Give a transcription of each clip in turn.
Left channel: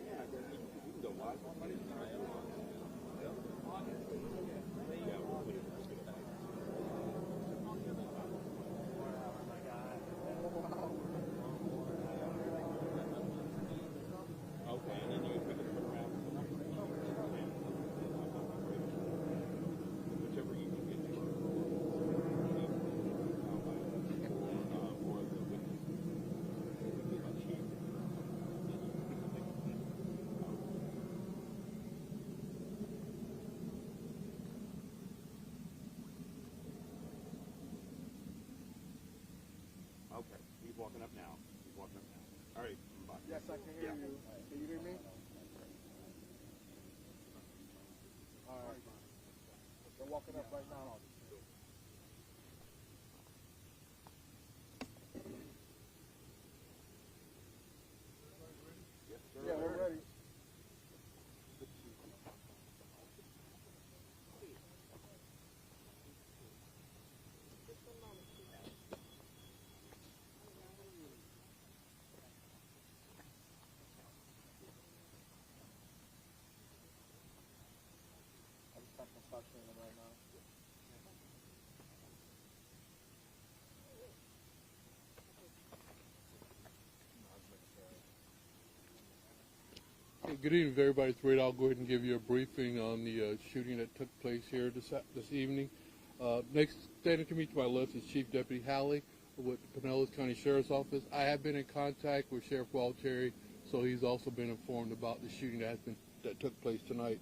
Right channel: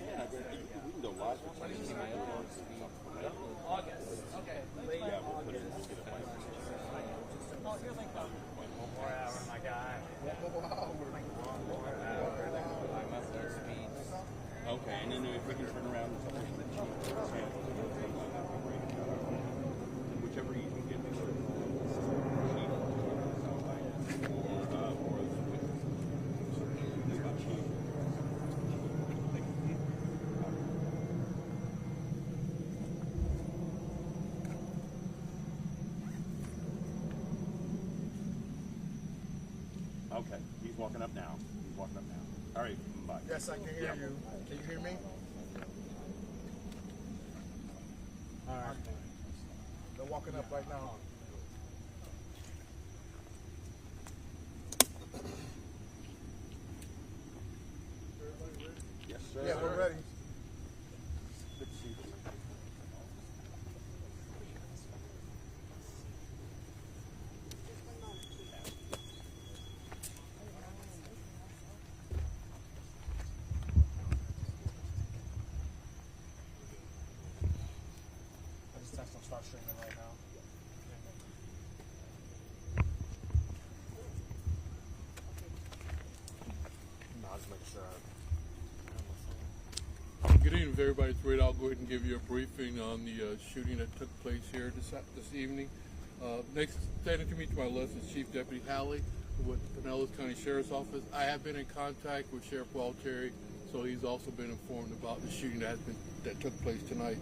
10, we can go live for 10 and people do it on Zoom or something. August. Okay. Yeah, we'll put it. We'll get it live. Oh, you're like 4 hours, my guy. Okay, and then if we can turn around and something cheap, that'd be great. Whichever you can get cheap, or cheap. Okay, he's walking up now. All right, bye. Yes, I can hear you. Can you hear me? All right. They're walking up right now. Yes, sir. Yeah, we're ready. Good to see you. Start streaming right now. Good evening, everybody. It's Ray. I'll go ahead and give you a briefing on the shooting that took place here this evening. Next, standing to me to my left is Chief Deputy Halley with Pinellas County Sheriff's Office. I have been in contact with Sheriff Gualtieri, so he's also been informed about the shooting that took place tonight.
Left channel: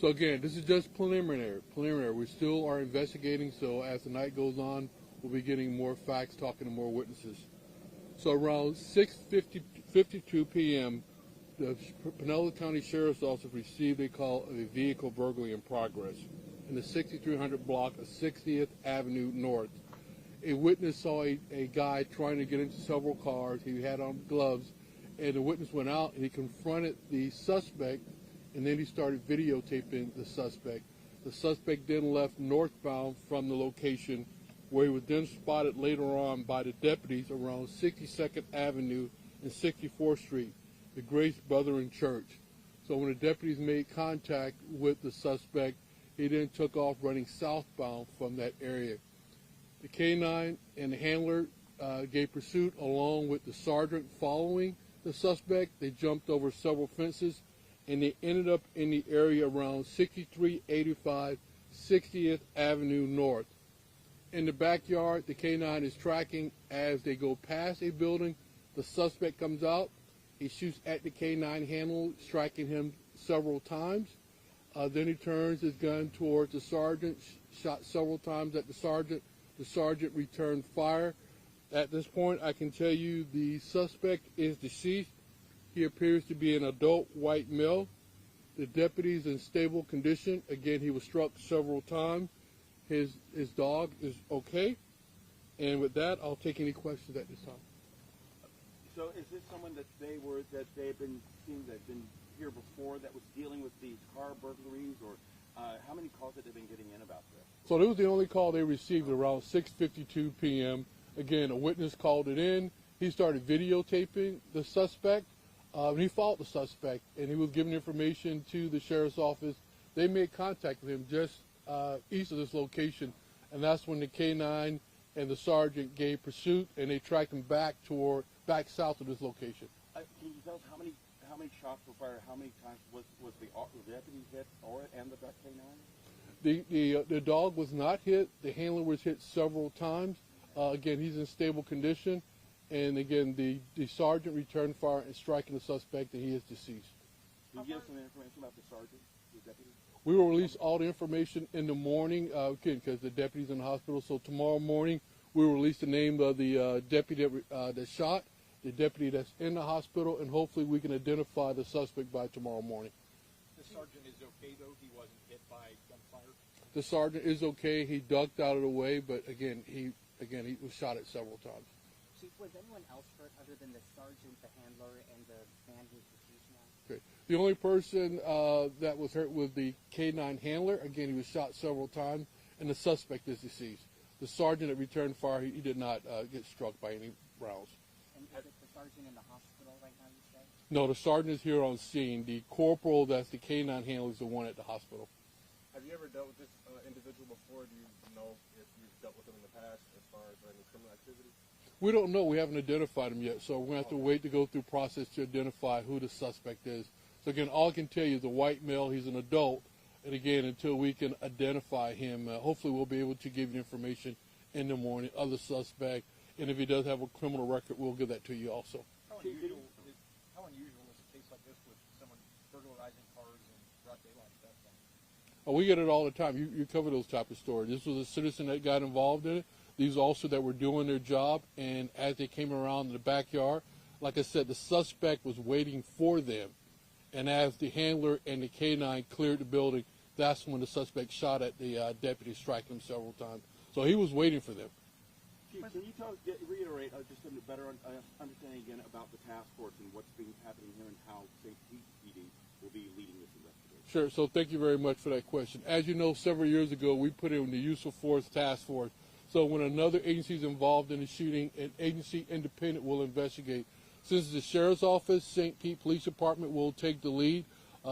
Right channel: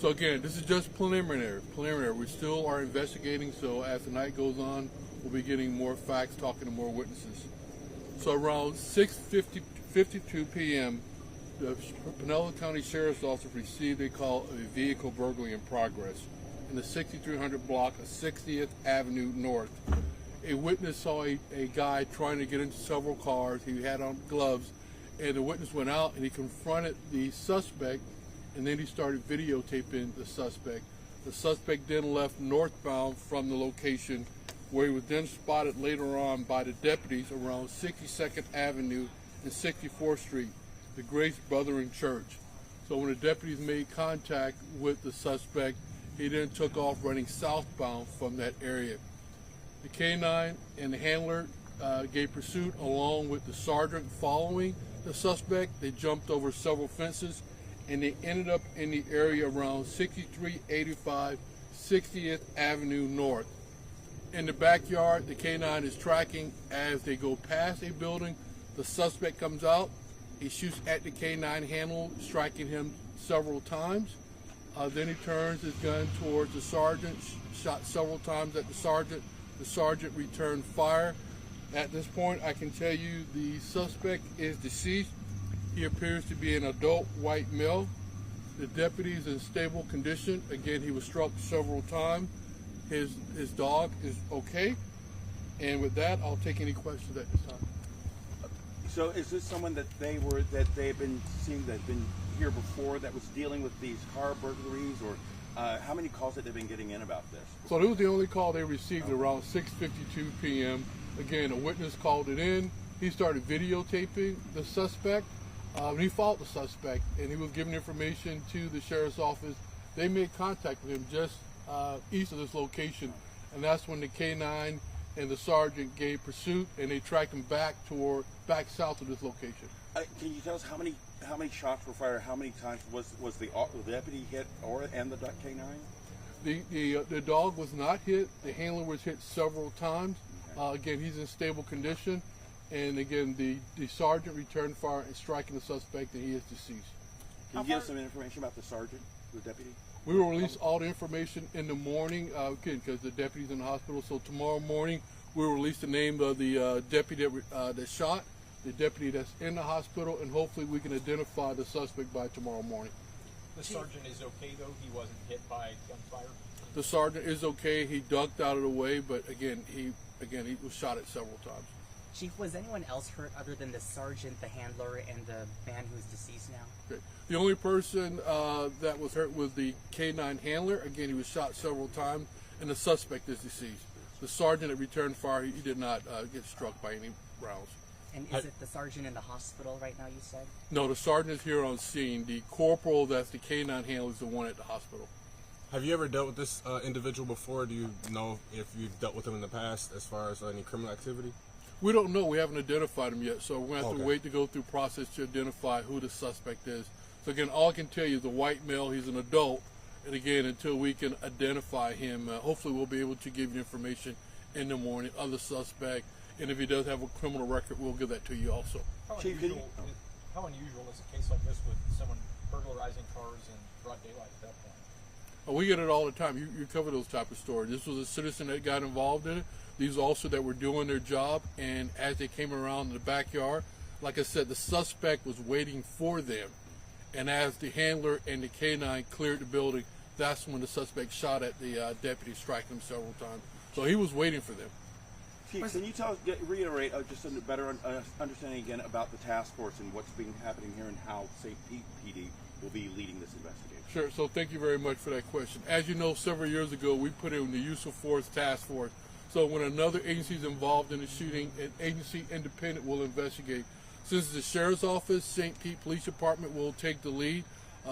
So again, this is just preliminary. We still are investigating, so as the night goes on, we'll be getting more facts, talking to more witnesses. So around 6:52 p.m., the Pinellas County Sheriff's Office received a call of a vehicle burglary in progress in the 6300 block of 60th Avenue North. A witness saw a guy trying to get into several cars. He had on gloves, and the witness went out and he confronted the suspect, and then he started videotaping the suspect. The suspect then left northbound from the location, where he was then spotted later on by the deputies around 62nd Avenue and 64th Street, the Grace Brethren Church. So when the deputies made contact with the suspect, he then took off running southbound from that area. The K-9 and the handler gave pursuit along with the sergeant following the suspect. They jumped over several fences, and they ended up in the area around 6385 60th Avenue North. In the backyard, the K-9 is tracking. As they go past a building, the suspect comes out. He shoots at the K-9 handler, striking him several times. Then he turns his gun towards the sergeant, shot several times at the sergeant. The sergeant returned fire. At this point, I can tell you the suspect is deceased. He appears to be an adult white male. The deputy is in stable condition. Again, he was struck several times. His dog is okay. And with that, I'll take any questions at this time. So is this someone that they've been seeing, that been here before, that was dealing with these car burglaries, or how many calls have they been getting in about this? So this was the only call they received around 6:52 p.m. Again, a witness called it in. He started videotaping the suspect. He followed the suspect, and he was giving information to the sheriff's office. They made contact with him just east of this location, and that's when the K-9 and the sergeant gave pursuit, and they tracked him back south of this location. Can you tell us how many shots were fired? How many times was the deputy hit, and the K-9? The dog was not hit. The handler was hit several times. Again, he's in stable condition. And again, the sergeant returned fire and striking the suspect, and he is deceased. Can you give us some information about the sergeant, the deputy? We will release all the information in the morning, again, because the deputy's in the hospital. So tomorrow morning, we will release the name of the deputy that shot, the deputy that's in the hospital, and hopefully we can identify the suspect by tomorrow morning. The sergeant is okay, though? He wasn't hit by gunfire? The sergeant is okay. He ducked out of the way, but again, he was shot at several times. Chief, was anyone else hurt other than the sergeant, the handler, and the man who's deceased now? Okay. The only person that was hurt was the K-9 handler. Again, he was shot several times, and the suspect is deceased. The sergeant that returned fire, he did not get struck by any rounds. And is it the sergeant in the hospital right now, you said? No, the sergeant is here on scene. The corporal, that's the canine handler, is the one at the hospital. Have you ever dealt with this individual before? Do you know if you've dealt with him in the past as far as any criminal activity? We don't know. We haven't identified him yet, so we're going to have to Okay. wait to go through process to identify who the suspect is. So again, all I can tell you is a white male. He's an adult, and again, until we can identify him, hopefully we'll be able to give you information in the morning. Other suspect, and if he does have a criminal record, we'll give that to you also. How Chief, unusual, how unusual is a case like this with someone burglarizing cars in broad daylight at that point? We get it all the time. You cover those type of stories. This was a citizen that got involved in it. These also that were doing their job, and as they came around in the backyard, like I said, the suspect was waiting for them. And as the handler and the canine cleared the building, that's when the suspect shot at the deputy, striking him several times. So he was waiting for them. Chief, can you reiterate just a better understanding again about the task force and what's been happening here and how St. Pete PD will be leading this investigation? Sure. So thank you very much for that question. As you know, several years ago, we put in the use of force task force. So when another agency is involved in a shooting, an agency independent will investigate. Since it's the sheriff's office, St. Pete Police Department will take the lead.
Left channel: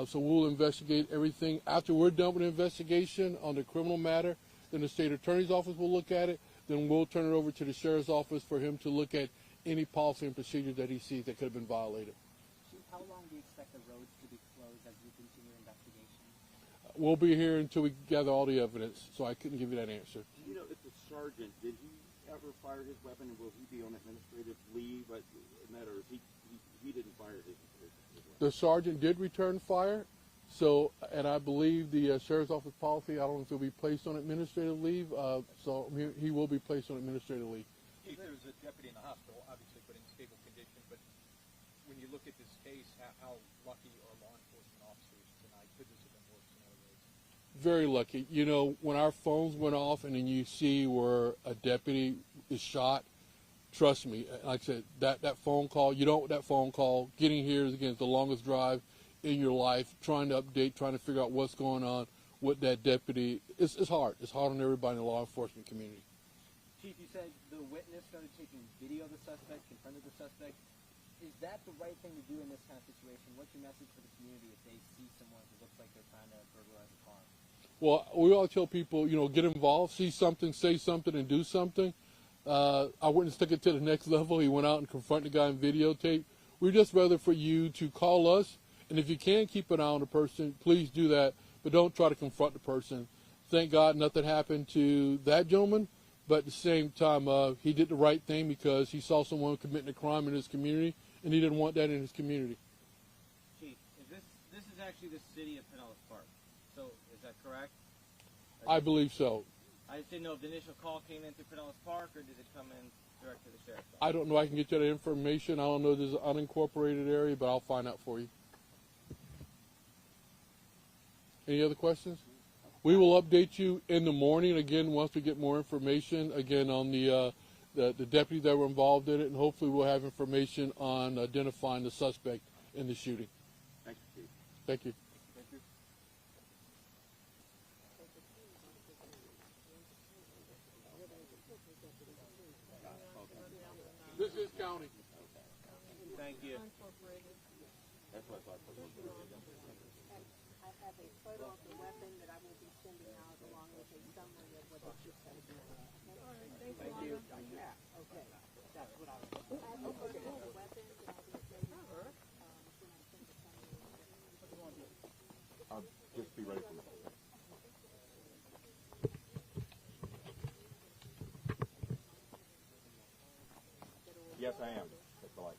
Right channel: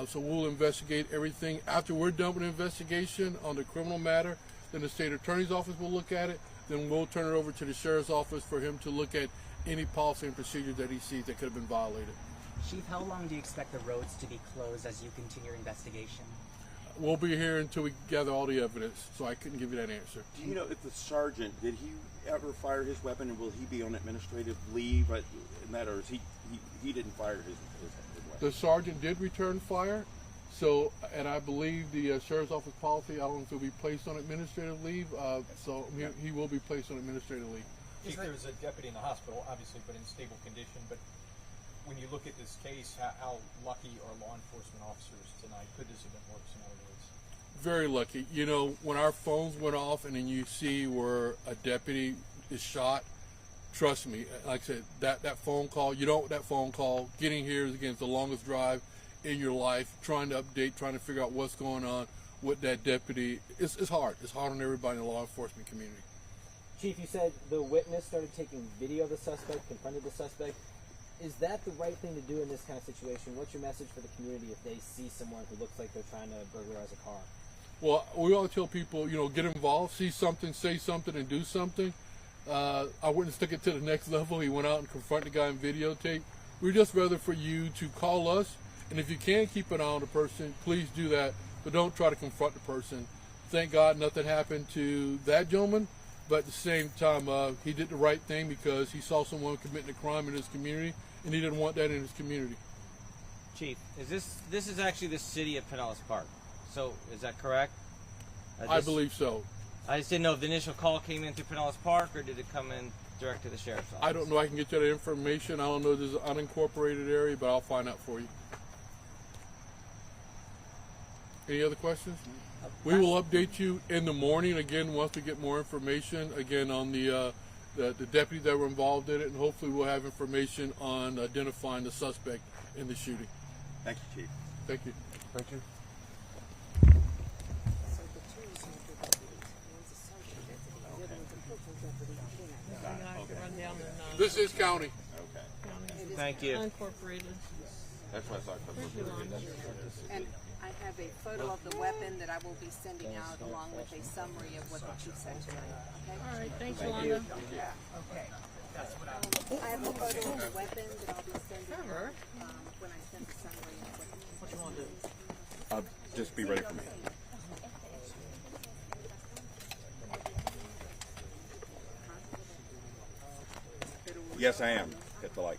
So we'll investigate everything. After we're done with the investigation on the criminal matter, then the state attorney's office will look at it. Then we'll turn it over to the sheriff's office for him to look at any policy and procedure that he sees that could have been violated. Chief, how long do you expect the roads to be closed as you continue your investigation? We'll be here until we gather all the evidence, so I couldn't give you that answer. Do you know if the sergeant, did he ever fire his weapon, and will he be on administrative leave in that, or is he didn't fire his weapon? The sergeant did return fire, so, and I believe the sheriff's office policy, I don't know if he'll be placed on administrative leave, so he will be placed on administrative leave. Chief, there was a deputy in the hospital, obviously, but in stable condition. But when you look at this case, how lucky are law enforcement officers tonight? Could this have been worse, in other words? Very lucky. You know, when our phones went off and then you see where a deputy is shot, trust me, like I said, that phone call, that phone call, getting here is, again, the longest drive in your life, trying to update, trying to figure out what's going on with that deputy. It's hard. It's hard on everybody in the law enforcement community. Chief, you said the witness started taking video of the suspect, confronted the suspect. Is that the right thing to do in this kind of situation? What's your message for the community if they see someone who looks like they're trying to burglarize a car? Well, we all tell people, get involved, see something, say something, and do something. I wouldn't stick it to the next level. He went out and confronted the guy in videotape. We'd just rather for you to call us, and if you can keep an eye on the person, please do that, but don't try to confront the person. Thank God nothing happened to that gentleman, but at the same time, he did the right thing because he saw someone committing a crime in his community, and he didn't want that in his community. Chief, this is actually the city of Pinellas Park. So is that correct? I believe so. I just didn't know if the initial call came in through Pinellas Park or did it come in direct to the sheriff's office? I don't know. I can get you that information. I don't know if there's an unincorporated area, but I'll find out for you. Any other questions? We will update you in the morning again once we get more information again on the deputies that were involved in it, and hopefully we'll have information on identifying the suspect in the shooting. Thank you, Chief. Thank you. Thank you. This is county. Thank you. Unincorporated. That's what I thought. And I have a photo of the weapon that I will be sending out along with a summary of what the chief said tonight. Okay? All right, thanks, Yolanda. I have a photo of the weapon that I'll be sending out when I send the summary of what the chief said. Just be ready for me. Yes, I am. Hit the light.